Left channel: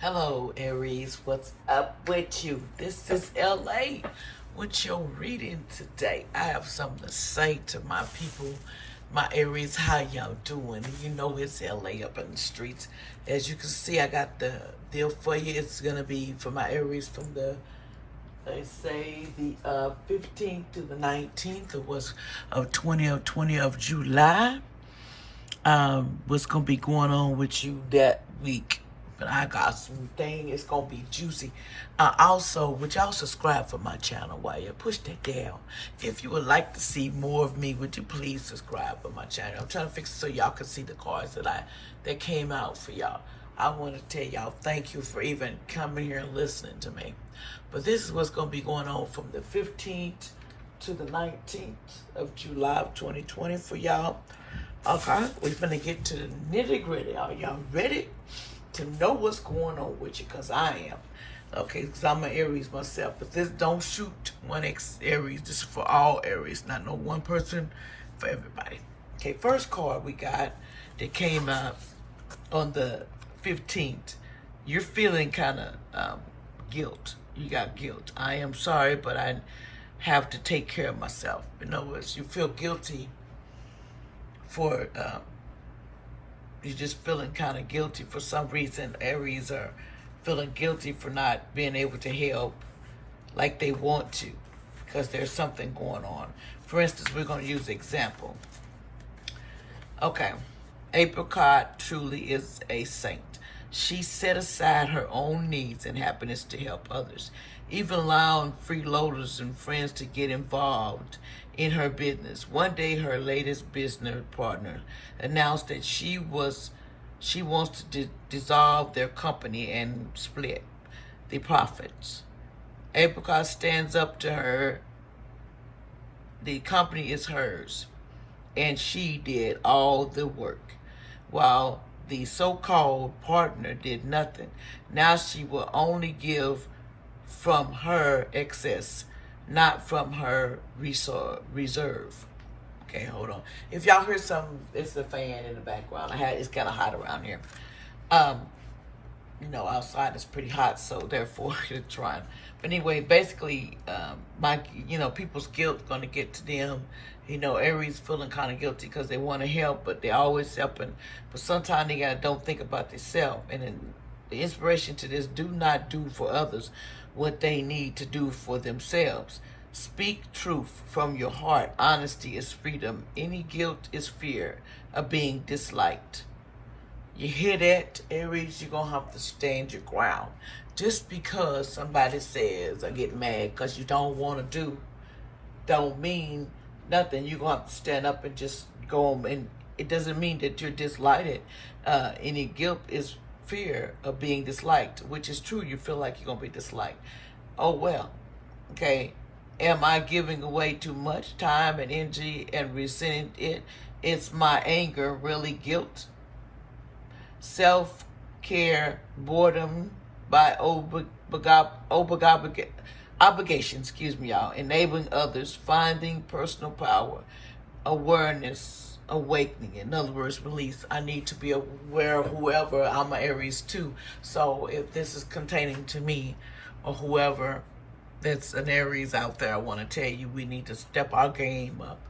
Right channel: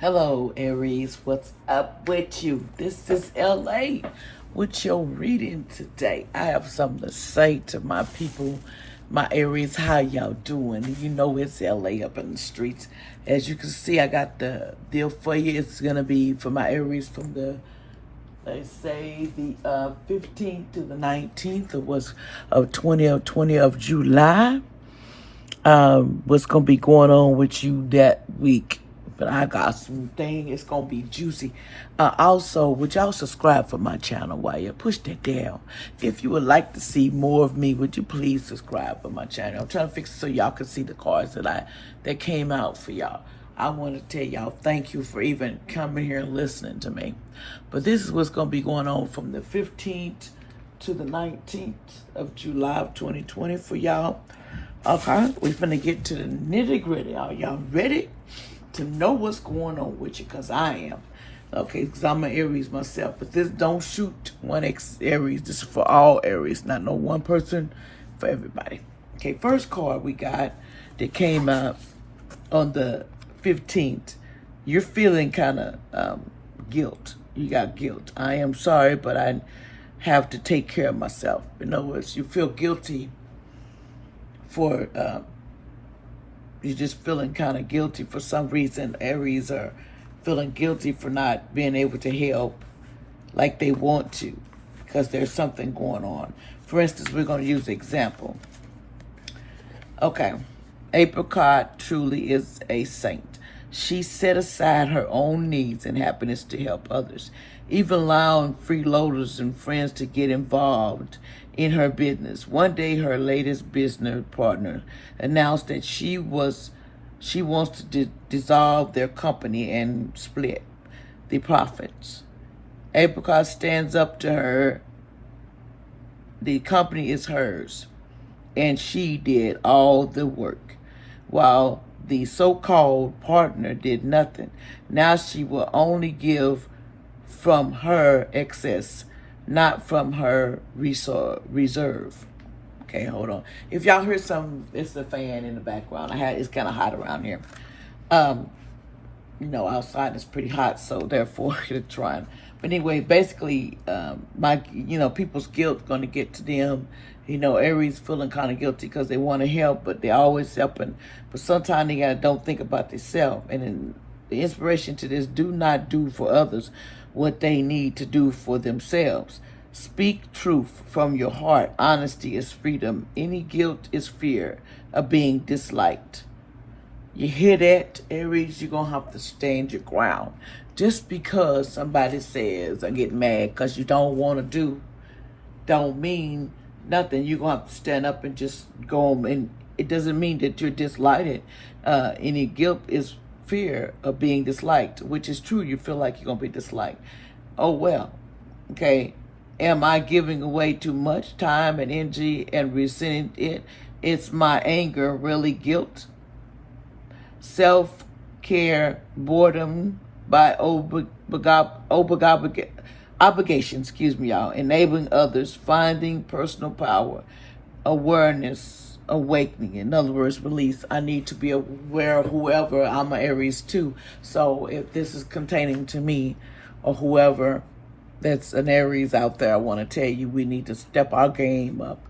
Hello, Aries. What's up with you? This is LA with your reading today. I have something to say to my people, my Aries. How y'all doing? You know it's LA up in the streets. As you can see, I got the deal for you. It's going to be for my Aries from the, they say, the 15th to the 19th of 2020 of July. What's going to be going on with you that week. But I got some things. It's going to be juicy. Also, would y'all subscribe for my channel while you push that down? If you would like to see more of me, would you please subscribe for my channel? I'm trying to fix it so y'all can see the cards that came out for y'all. I want to tell y'all thank you for even coming here and listening to me. But this is what's going to be going on from the 15th to the 19th of July of 2020 for y'all. Okay, we're going to get to the nitty gritty. Are y'all ready to know what's going on with you? Because I am. Okay, because I'm an Aries myself. But this don't shoot one Aries. This is for all Aries. Not no one person, for everybody. Okay, first card we got that came out on the 15th. You're feeling kind of guilt. You got guilt. I am sorry, but I have to take care of myself. In other words, you feel guilty for... you're just feeling kind of guilty for some reason. Aries are feeling guilty for not being able to help like they want to because there's something going on. For instance, we're going to use the example. Okay, Apricot truly is a saint. She set aside her own needs and happiness to help others, even allowing freeloaders and friends to get involved in her business. One day, her latest business partner announced that she wants to dissolve their company and split the profits. Apricot stands up to her. The company is hers, and she did all the work, while the so-called partner did nothing. Now she will only give from her excess, not from her reserve. Okay, hold on. If y'all hear some, it's the fan in the background. It's kind of hot around here. Outside it's pretty hot, so therefore it's trying. But anyway, basically, people's guilt going to get to them. Aries feeling kind of guilty because they want to help, but they're always helping. But sometimes they don't think about themselves. And then the inspiration to this: do not do for others what they need to do for themselves. Speak truth from your heart. Honesty is freedom. Any guilt is fear of being disliked. You hear that, Aries? You're going to have to stand your ground. Just because somebody says or get mad because you don't want to do, don't mean nothing. You're going to have to stand up and just go on. And it doesn't mean that you're disliked. Any guilt is fear of being disliked, which is true. You feel like you're going to be disliked. Oh, well. Okay. Am I giving away too much time and energy and resenting it? It's my anger, really guilt. Self-care, boredom by obligation, y'all. Enabling others, finding personal power, awareness, awakening. In other words, release. I need to be aware of whoever. I'm an Aries too. So if this is containing to me or whoever that's an Aries out there, I want to tell you, we need to step our game up.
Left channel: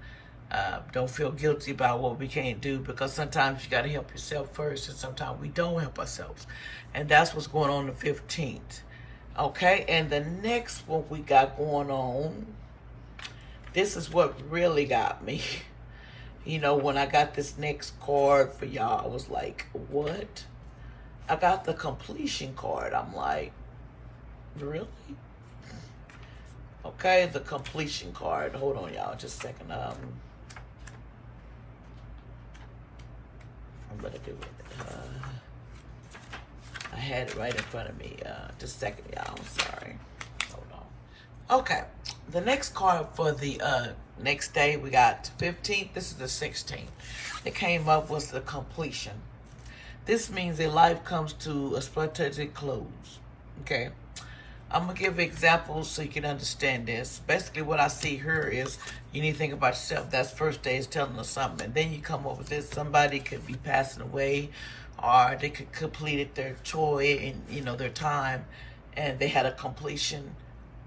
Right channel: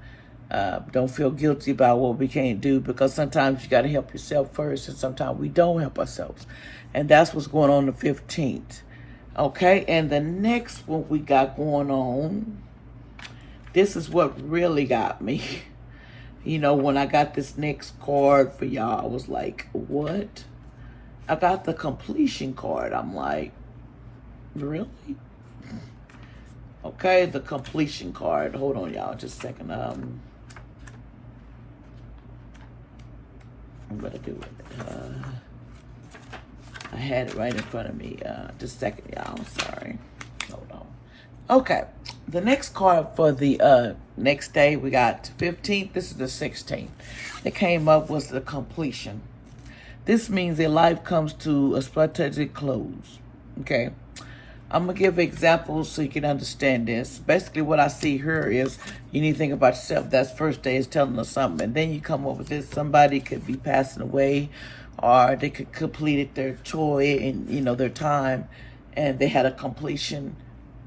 Don't feel guilty about what we can't do, because sometimes you got to help yourself first, and sometimes we don't help ourselves. And that's what's going on the 15th. Okay, and the next one we got going on, this is what really got me. When I got this next card for y'all, I was like, what? I got the completion card. I'm like, really? Okay, the completion card. Hold on, y'all, just a second. I'm gonna do it. I had it right in front of me. Just a second, y'all. I'm sorry. Hold on. Okay, the next card for the next day, we got 15th. This is the 16th. It came up was the completion. This means their life comes to a strategic close. Okay. I'm going to give examples so you can understand this. Basically, what I see here is you need to think about yourself. That's first day is telling us something. And then you come up with this. Somebody could be passing away, or they could completed their chore and their time, and they had a completion.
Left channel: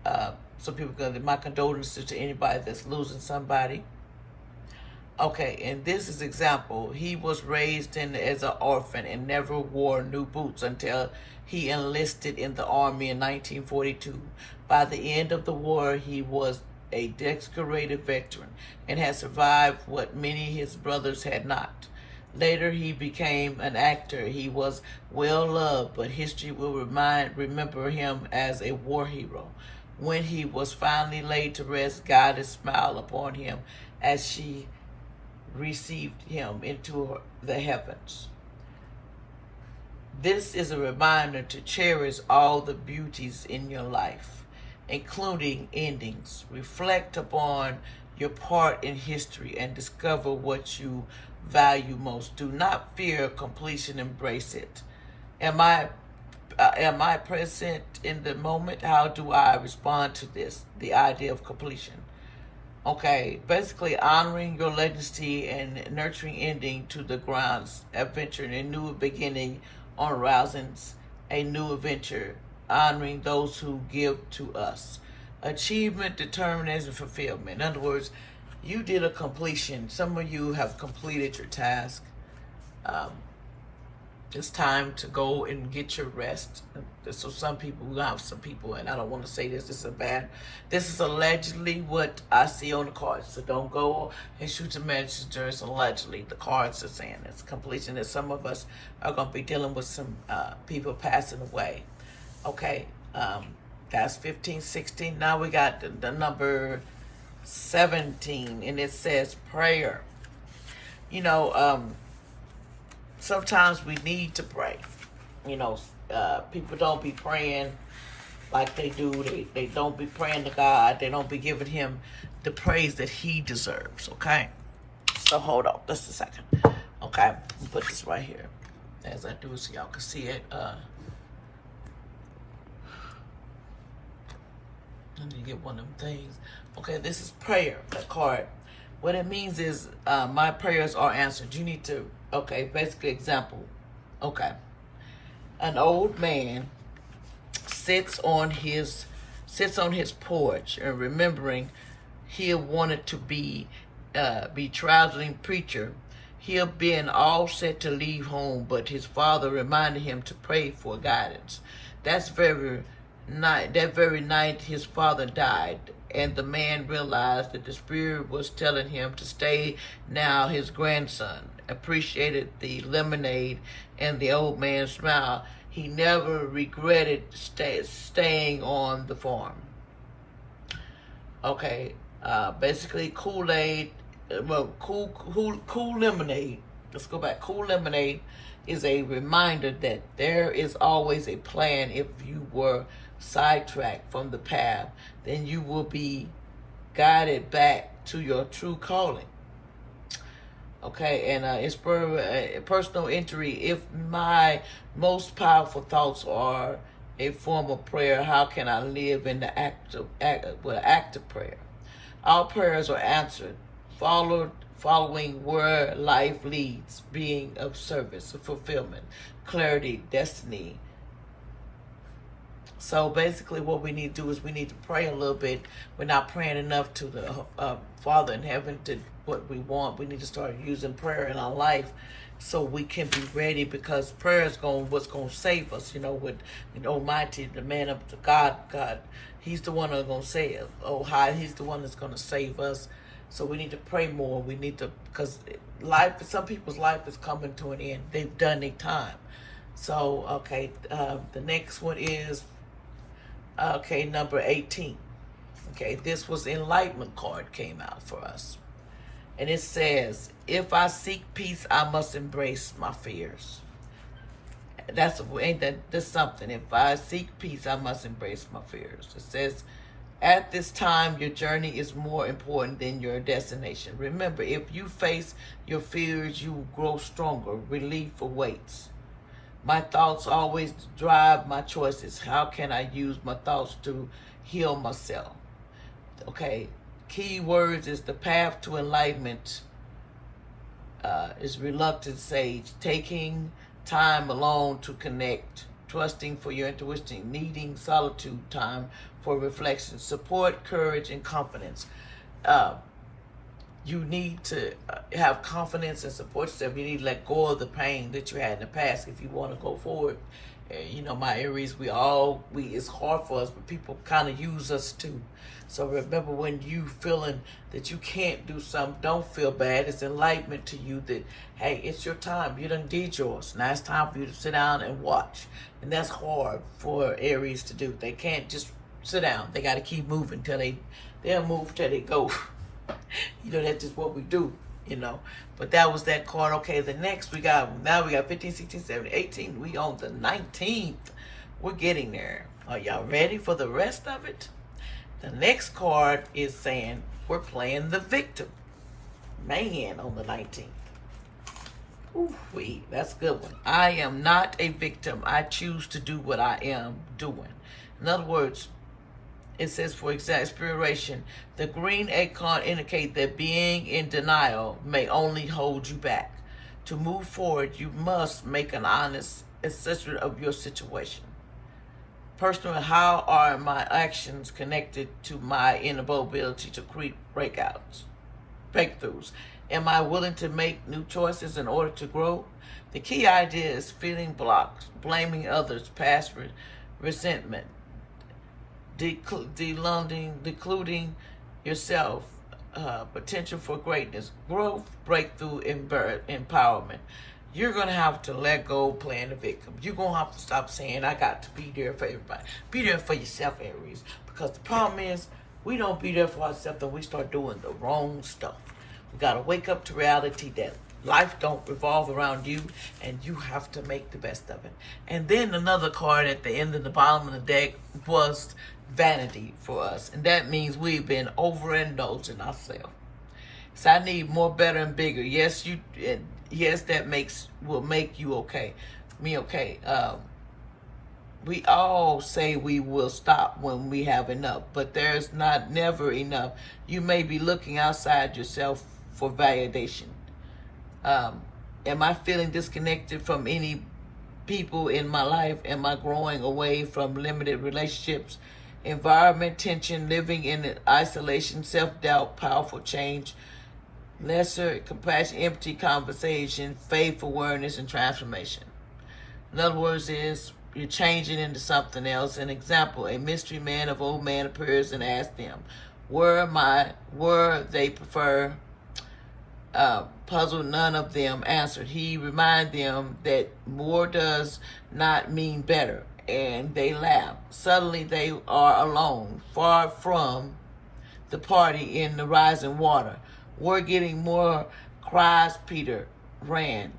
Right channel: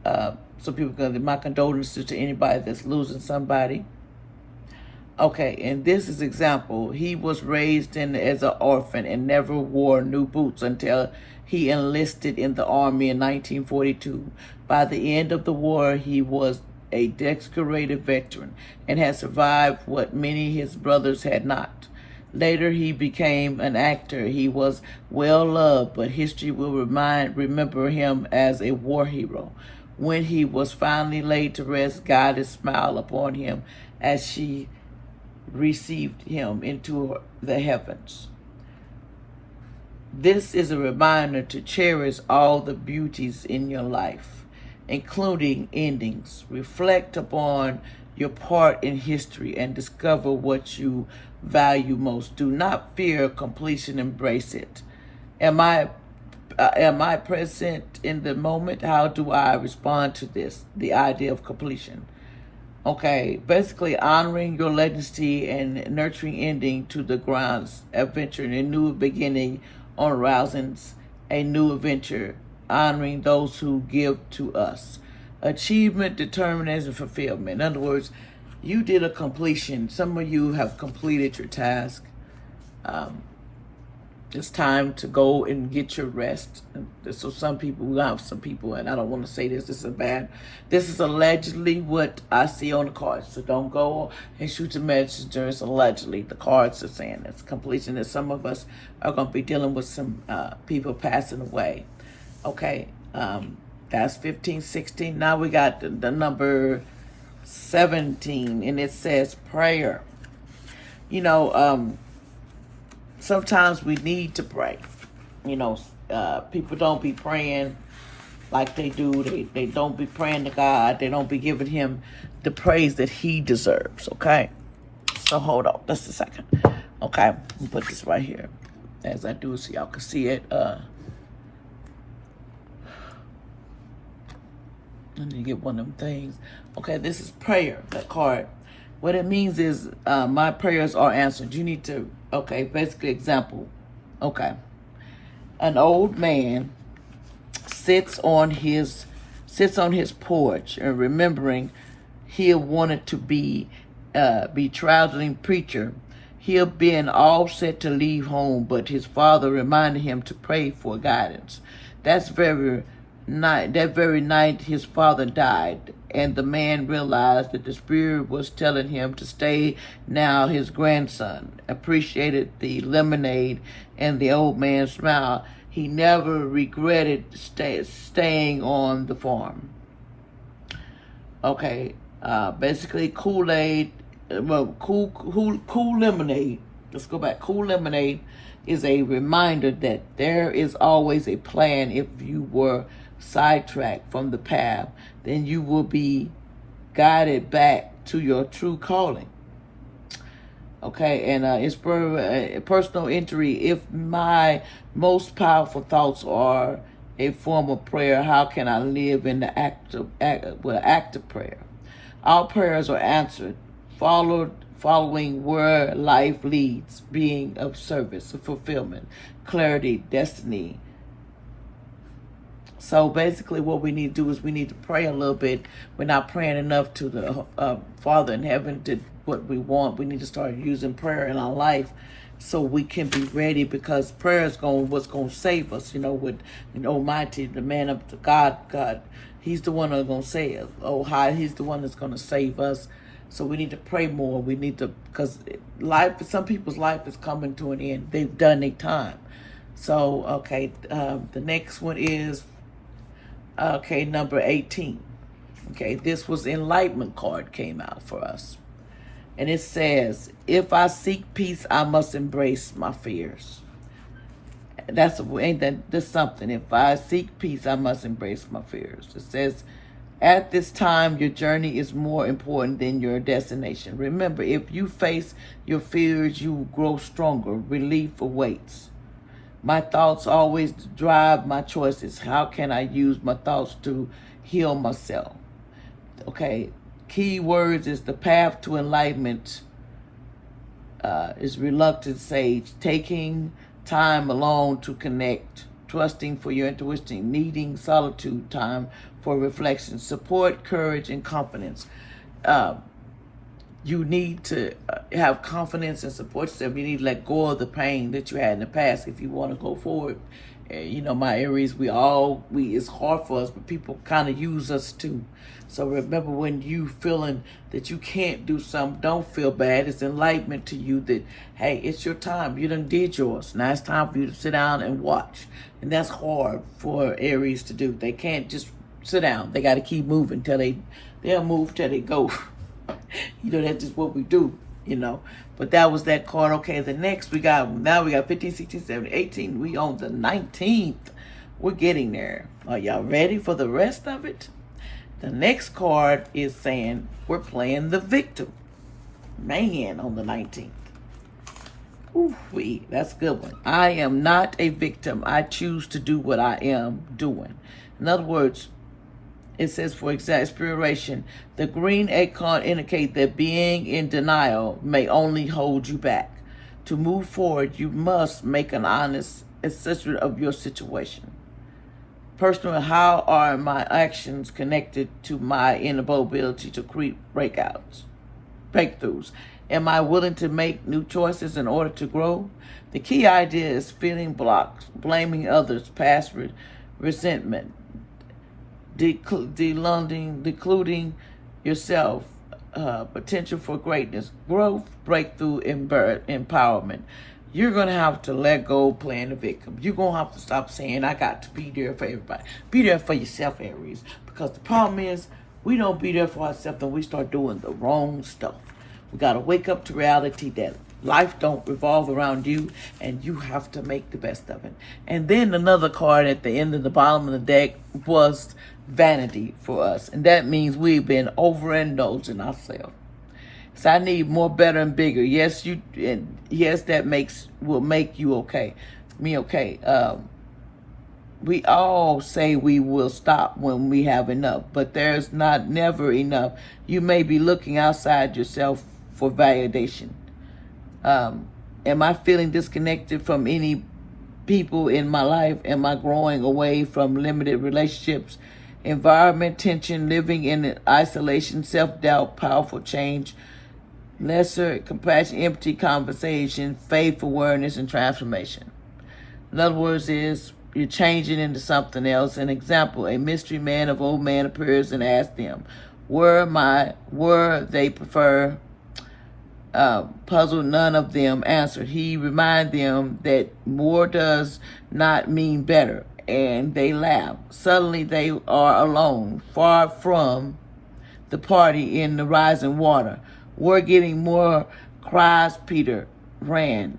So people can, my condolences to anybody that's losing somebody. Okay, and this is example. He was raised as an orphan and never wore new boots until he enlisted in the army in 1942. By the end of the war, he was a decorated veteran and had survived what many of his brothers had not. Later, he became an actor. He was well loved, but history will remember him as a war hero. When he was finally laid to rest, God smiled upon him as she received him into the heavens. This is a reminder to cherish all the beauties in your life, including endings. Reflect upon your part in history and discover what you value most. Do not fear completion, embrace it. Am I present in the moment? How do I respond to this? The idea of completion. Okay, basically honoring your legacy and nurturing ending to the grounds, adventure, and a new beginning on horizons, a new adventure, honoring those who give to us. Achievement, determination, fulfillment. In other words, you did a completion. Some of you have completed your task. It's time to go and get your rest. So some people, we have some people, and I don't want to say this is bad. This is allegedly what I see on the cards. So don't go and shoot the messengers. Allegedly, the cards are saying it's completion. And some of us are going to be dealing with some people passing away. Okay, that's 15, 16. Now we got the number 17, and it says prayer. Sometimes we need to pray. People don't be praying like they do. They don't be praying to God. They don't be giving him the praise that he deserves, okay? So hold on, just a second. Okay, let me put this right here as I do so y'all can see it. I need to get one of them things. Okay, this is prayer, that card. What it means is my prayers are answered. You need to, okay, basically example. Okay. An old man sits on his porch and remembering he wanted to be traveling preacher. He had been all set to leave home, but his father reminded him to pray for guidance. That very night his father died, and the man realized that the spirit was telling him to stay. Now his grandson appreciated the lemonade and the old man's smile. He never regretted staying on the farm. Okay, basically Kool-Aid, cool lemonade. Let's go back. Cool lemonade is a reminder that there is always a plan. If you were sidetracked from the path, then you will be guided back to your true calling. Okay, and it's personal entry. If my most powerful thoughts are a form of prayer, how can I live in the active prayer? Our prayers are answered, following where life leads, being of service, fulfillment, clarity, destiny. So basically what we need to do is we need to pray a little bit. We're not praying enough to the Father in heaven to what we want. We need to start using prayer in our life so we can be ready, because prayer is what's going to save us. With Almighty, the man of the God, he's the one that's going to save. Oh, hi, he's the one that's going to save us. So we need to pray more. We need to, because some people's life is coming to an end. They've done their time. So, okay, the next one is, okay, number 18. Okay, this was Enlightenment card came out for us. And it says, if I seek peace, I must embrace my fears. That's something. If I seek peace, I must embrace my fears. It says, at this time, your journey is more important than your destination. Remember, if you face your fears, you will grow stronger. Relief awaits. My thoughts always drive my choices. How can I use my thoughts to heal myself? Okay, key words is the path to enlightenment is reluctant sage, taking time alone to connect, trusting for your intuition, needing solitude time for reflection, support, courage, and confidence. You need to have confidence and support yourself. You need to let go of the pain that you had in the past if you want to go forward. You know, my Aries, it's hard for us, but people kind of use us too. So remember, when you feeling that you can't do something, don't feel bad. It's enlightenment to you that, hey, it's your time. You done did yours. Now it's time for you to sit down and watch. And that's hard for Aries to do. They can't just sit down. They got to keep moving they'll move till they go. You know, that's just what we do, you know. But that was that card. Okay, the next we got 15, 16, 17, 18. We on the 19th. We're getting there. Are y'all ready for the rest of it? The next card is saying we're playing the victim. Man, on the 19th. Ooh-wee, that's a good one. I am not a victim. I choose to do what I am doing. In other words, it says, for inspiration, the green acorn indicates that being in denial may only hold you back. To move forward, you must make an honest assessment of your situation. Personally, how are my actions connected to my inability to create breakthroughs? Am I willing to make new choices in order to grow? The key idea is feeling blocked, blaming others, past resentment, decluding yourself, potential for greatness, growth, breakthrough, and empowerment. You're going to have to let go playing the victim. You're going to have to stop saying, I got to be there for everybody. Be there for yourself, Aries. Because the problem is, we don't be there for ourselves and we start doing the wrong stuff. We got to wake up to reality that life don't revolve around you and you have to make the best of it. And then another card at the end of the bottom of the deck was vanity for us. And that means we've been overindulging ourselves. So I need more, better, and bigger. Yes, that will make you okay. Me okay. We all say we will stop when we have enough, but there's never enough. You may be looking outside yourself for validation. Am I feeling disconnected from any people in my life? Am I growing away from limited relationships? Environment, tension, living in isolation, self-doubt, powerful change, lesser compassion, empty conversation, faith, awareness, and transformation. In other words, you're changing into something else. An example, a mystery man of old man appears and asks them, were they prefer? Puzzled, none of them answered. He reminded them that more does not mean better, and they laugh. Suddenly they are alone, far from the party in the rising water. We're getting more cries. Peter ran,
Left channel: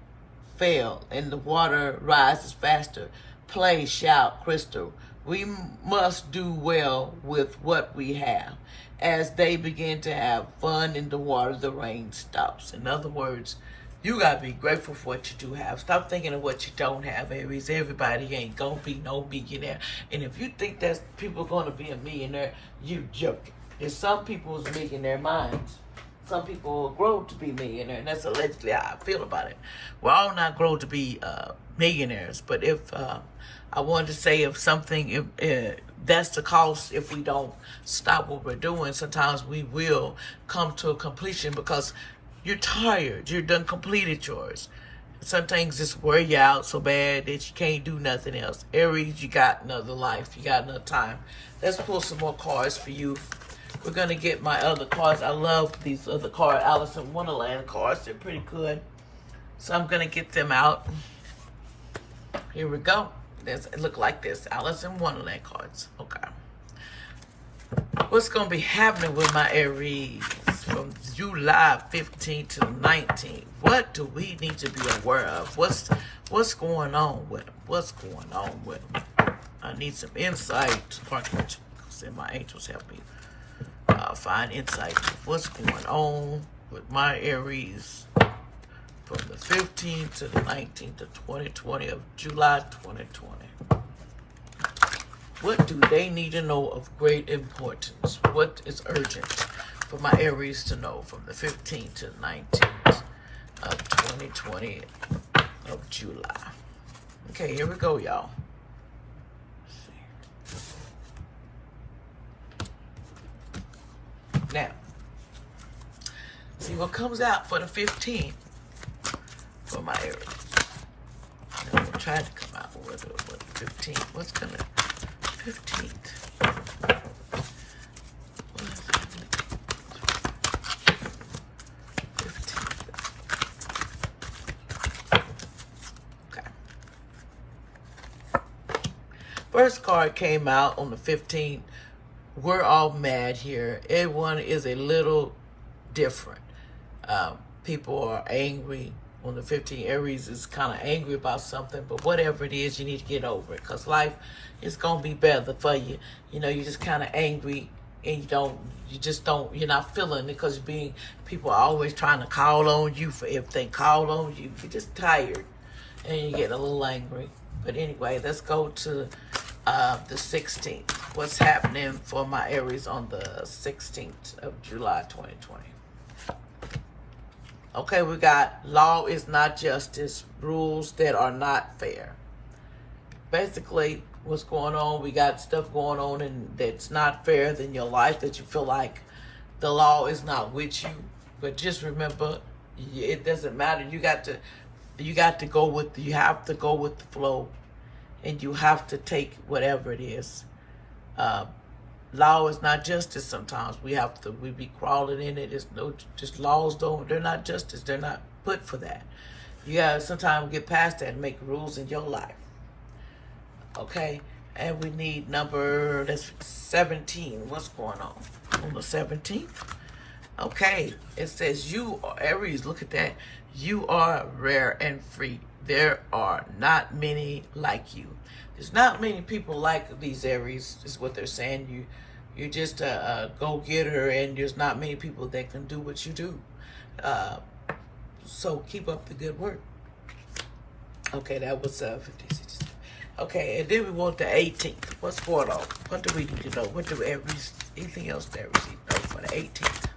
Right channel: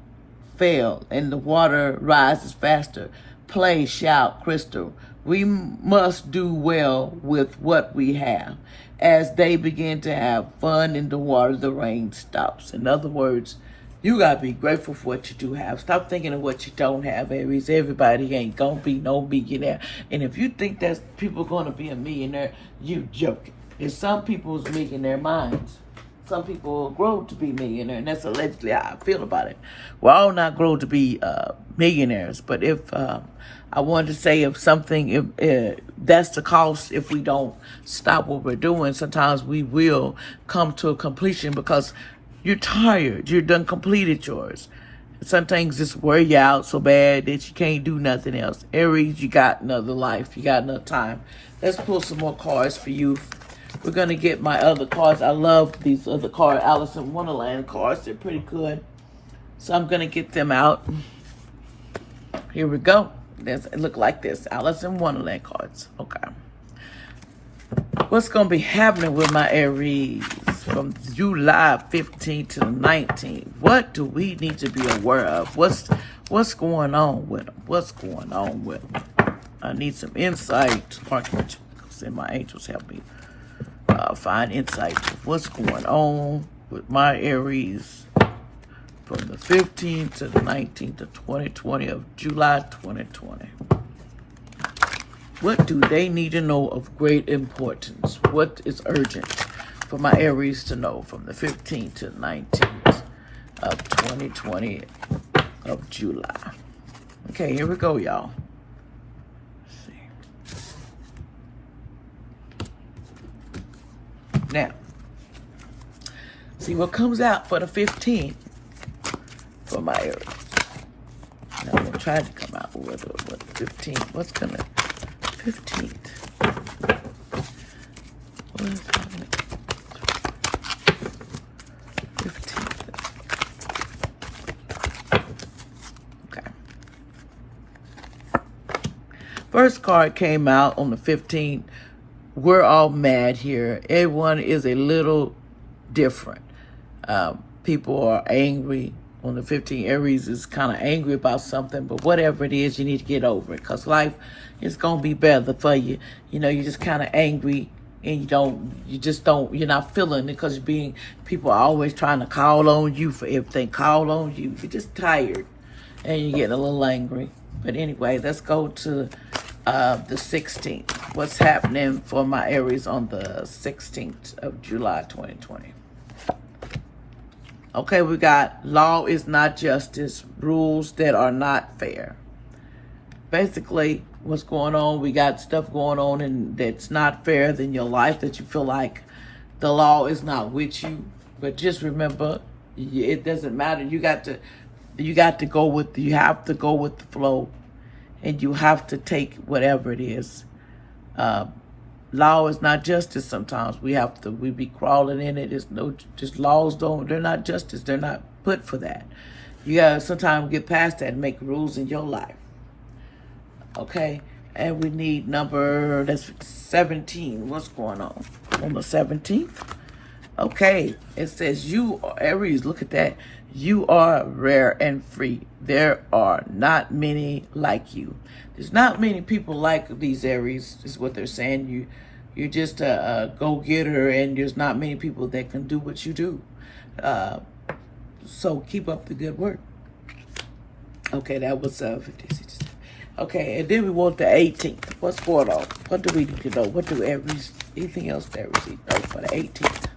fell, and the water rises faster. Play, shout, Crystal. We must do well with what we have. As they begin to have fun in the water, the rain stops. In other words, you got to be grateful for what you do have. Stop thinking of what you don't have, Aries. Everybody ain't going to be no millionaire. And if you think that people are going to be a millionaire, you joking. In some people's millionaire minds, some people will grow to be millionaire, and that's allegedly how I feel about it. We're all not grow to be millionaires, but if I wanted to say if that's the cost if we don't stop what we're doing. Sometimes we will come to a completion because you're tired. You're done completed yours. Some things just wear you out so bad that you can't do nothing else. Aries, you got another life. You got another time. Let's pull some more cards for you. We're going to get my other cards. I love these other cards, Alice in Wonderland cards. They're pretty good. So I'm going to get them out. Here we go. It look like this. Alice in Wonderland cards. Okay. What's going to be happening with my Aries from July 15 to 19? What do we need to be aware of? What's going on with them? What's going on with them? I need some insight. And my angels help me find insight of what's going on with my Aries from the 15th to the 19th of 2020 of July 2020. What do they need to know of great importance? What is urgent for my Aries to know from the 15th to the 19th of 2020 of July? Okay, here we go, y'all. Now, see what comes out for the 15th for my Aries. Now, I'm going to try to come out with the 15th. What's coming? 15th. Okay. First card came out on the 15th. We're all mad here. Everyone is a little different. People are angry. On the 15th, Aries is kind of angry about something, but whatever it is, you need to get over it, because life is going to be better for you. You know, you're just kind of angry, and you're not feeling it, because people are always trying to call on you for everything. Call on you. You're just tired, and you're getting a little angry. But anyway, let's go to the 16th. What's happening for my Aries on the 16th of July, 2020? Okay, we got law is not justice, rules that are not fair. Basically, what's going on, we got stuff going on and that's not fair in your life, that you feel like the law is not with you. But just remember, it doesn't matter. You have to go with the flow, and you have to take whatever it is. Law is not justice. Sometimes we be crawling in it. Laws they're not justice. They're not put for that. You gotta sometimes get past that and make rules in your life. Okay? And we need that's 17. What's going on the 17th? Okay, it says you are Aries. Look at that. You are rare and free. There are not many like you. There's not many people like these Aries, is what they're saying. You're just a go-getter, and there's not many people that can do what you do. So keep up the good work. Okay, that was 56. Okay, and then we want the 18th. What's going on? What do we need to know? What do Aries, anything else that Aries need to know for the 18th?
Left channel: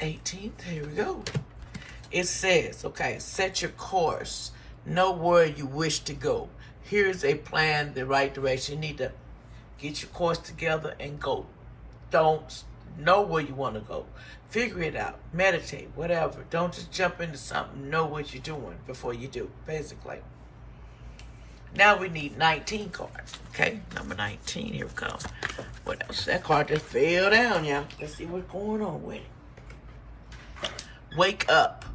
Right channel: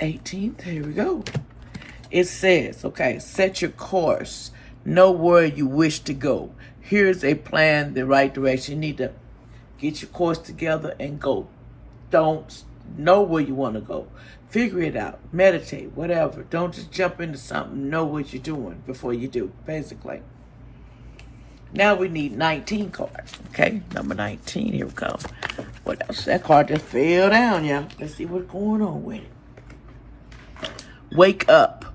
18th, here we go. It says, okay, set your course. Know where you wish to go. Here's a plan, the right direction. You need to get your course together and go. Don't know where you want to go. Figure it out. Meditate, whatever. Don't just jump into something. Know what you're doing before you do, basically. Now we need 19 cards. Okay, number 19. Here we go. What else? That card just fell down, y'all. Let's see what's going on with it. Wake up.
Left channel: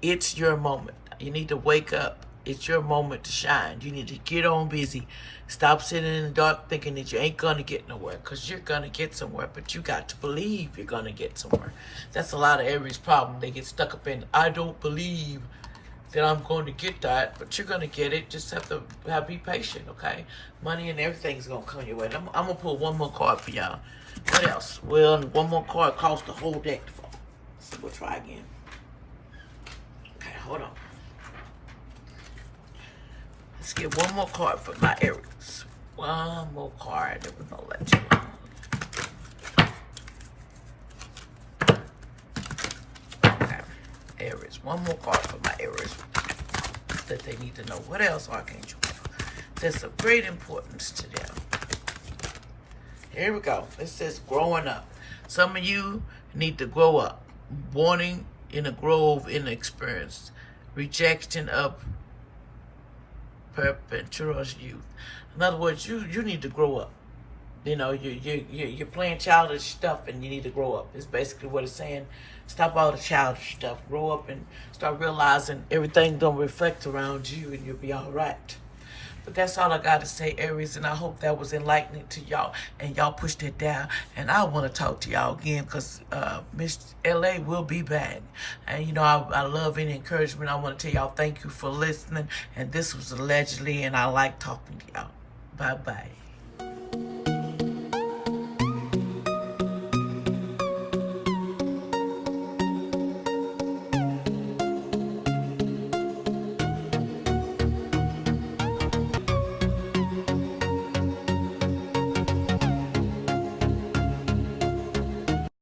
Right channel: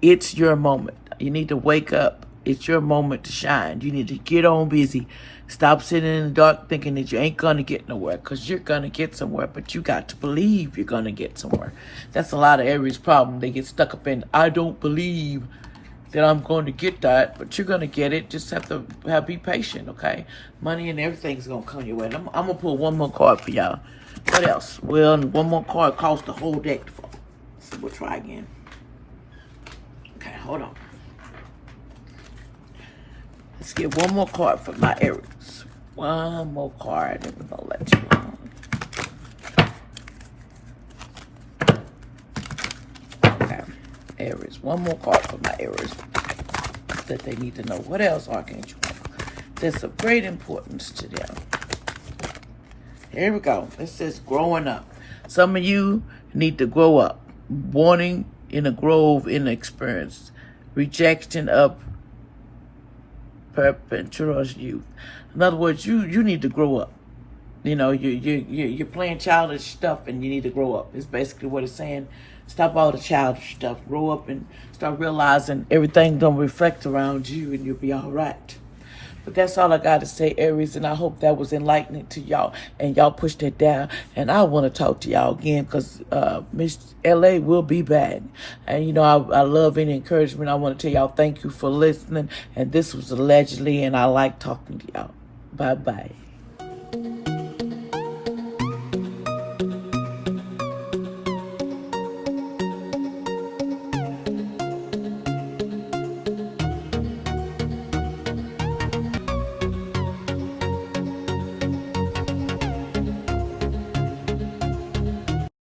It's your moment. You need to wake up. It's your moment to shine. You need to get on busy. Stop sitting in the dark thinking that you ain't going to get nowhere, because you're going to get somewhere, but you got to believe you're going to get somewhere. That's a lot of Aries' problem. They get stuck up in, I don't believe that I'm going to get that, but you're going to get it. Just have to be patient, okay? Money and everything's going to come your way. I'm going to pull one more card for y'all. What else? Well, one more card costs the whole deck. So we'll try again. Okay, hold on. Let's get one more card for my Aries. One more card, and we're gonna let you know. Okay, Aries. One more card for my Aries that they need to know. What else, Archangel? There's of great importance to them. Here we go. It says growing up. Some of you need to grow up. Warning in a grove in experience. Rejection of perpetuous youth. In other words, you need to grow up. You know, you're playing childish stuff, and you need to grow up. It's basically what it's saying. Stop all the childish stuff. Grow up and start realizing everything's gonna reflect around you, and you'll be all right. But that's all I got to say, Aries, and I hope that was enlightening to y'all, and y'all push that down. And I want to talk to y'all again, because Miss LA will be back. And, you know, I love any encouragement. I want to tell y'all thank you for listening. And this was allegedly, and I like talking to y'all. Bye-bye.